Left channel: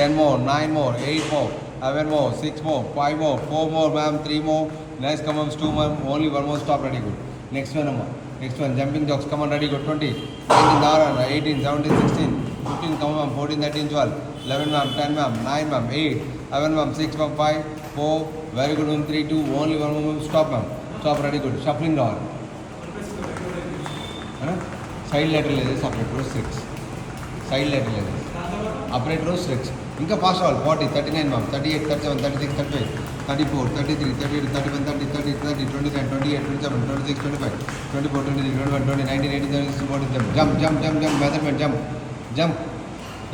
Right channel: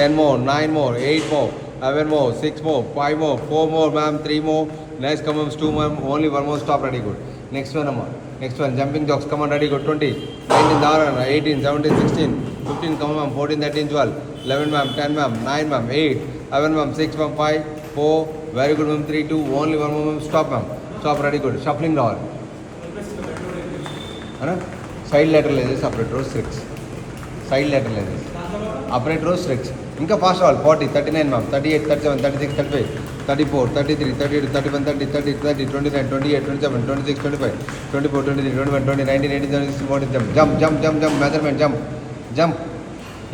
10 more, 9 more, 8 more, 11 more, 6 more, 5 more, 4 more, ma'am, 3 more. Next come on, 2 ma'am, only 1 more, stop, ready, good. Next one, ma'am. Next one, jumping jocks, come on, ready, good. 20, 19, 18, 17, 16, 15, come on, 14, 13, 12, 11 ma'am, 10 ma'am, 9 ma'am, 8, 11 ma'am, 6 ma'am, 5, 4, very good ma'am, 3, 2, only 1 more ma'am, stop ma'am. Stop, ready, good. Shuffling now. Side lateral is separate row 6. Side lateral is upright row 6. ఇంకా fast వాళ్ళు 40, 39 ma'am, 38, 37, 36, 35, 34, 33, 38, 31, 30, 30, 30, 29, 28, 27, 26, 25, 24, 23, 21, 20, 19, 18, 19, 20, jump, jump, jump, jump, measurement, jump, jump.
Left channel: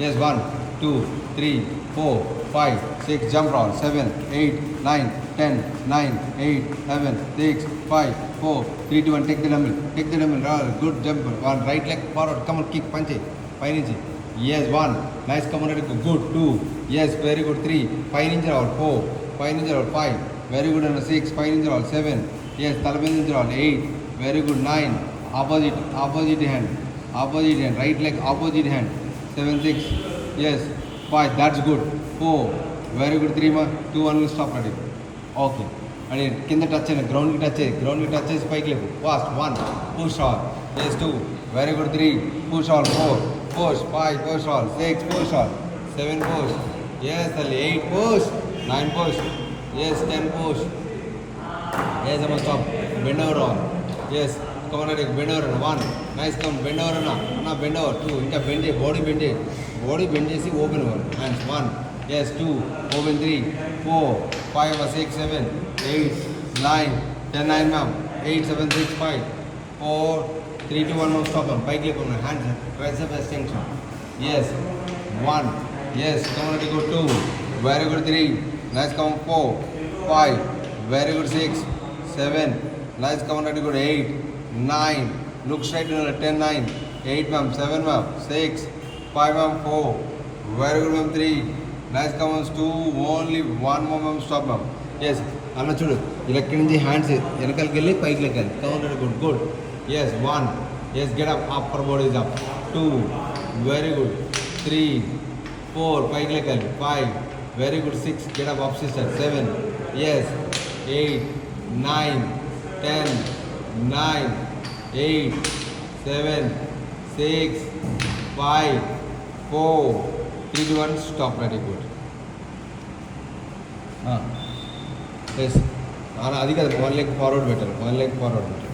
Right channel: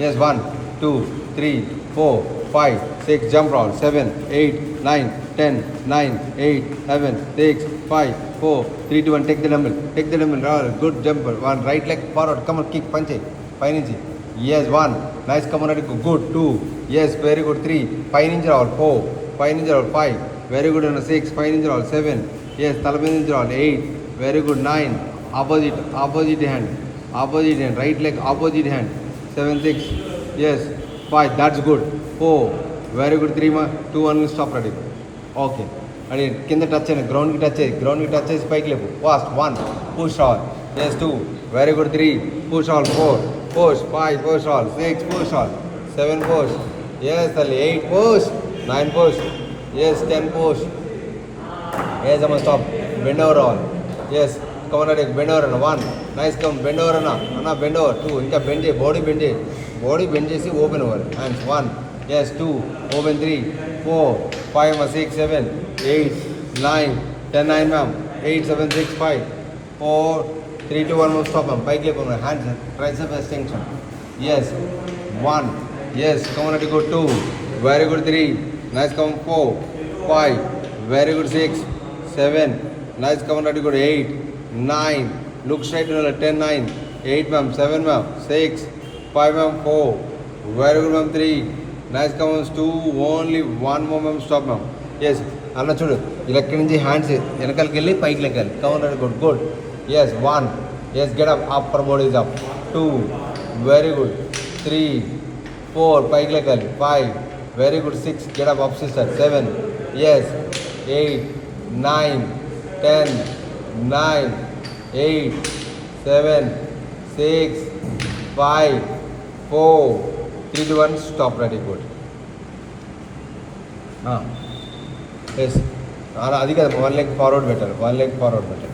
Yes, 1, 2, 3, 4, 5, 6, jump roll, 7, 8, 9, 10, 9, 8, 11, 6, 5, 4, 3, 2, 1, take the dumbbell, roll, good jump, one, right leg forward, come on, kick, punch it, 5 inch. Yes, 1. Nice, come on, good. 2. Yes, very good. 3. 5 inch roll. 4. 5 inch roll. 5. Very good. 6. 5 inch roll. 7. Yes, 11 inch roll. 8. Very good. 9. Opposite hand. Right leg, opposite hand. 7, 6. Yes. 5. That's good. 4. Very good. 3. 2, 1. Stop ready. Okay. And కింద touch చేయండి, గ్రౌండ్కి touch చేసి పైకి లేపు. Fast 1. Push all. Yes, 2. Very good. 3. Push all. 4. Push, 5, push all, 6, push all, 7, push, yes, 8, push, 9, push, yes, 10, push, yes, I'm on stop, bend over all, yes, come on, bend over, 1, nice, come, bend over, bend over, 2, inka bend, body bend, see, open over, hands, 1, yes, 2, open, 3, 4, 5, 6, 7, 8, 9, 10, 9, ma'am, 8, 7, 6, 5, 4, 3, 2, 1, stop ma'am, pike leg on my hands, tricep extension, yes, 1, yes, come on, go 2, very good, 3, nice, come 4, 5, very good, 6, 7, nice, come on, go 8, 9, look straight to 10, 9, 8 ma'am, 7 ma'am, 6, 5 ma'am, 4, very good ma'am, 3, nice, come on, 2, only 1 more ma'am, stop ma'am, yes, అన్న చూడు ఇలా కింద నుంచి hands వెనకాలకి వెళ్ళి పైకి లెక్కాలి, counter good, yes, 1, yes, get up, upper body is up, 2, very good, 3, 4, pike leg, 5, very good, 6, get up, sister, 7, yes, 8, 9, 10, 9, 8, 7, 6, 5, 4, 3, 2, 1, stop, very good. Yes, అది కదా 1 leg forward better, 1 leg forward better.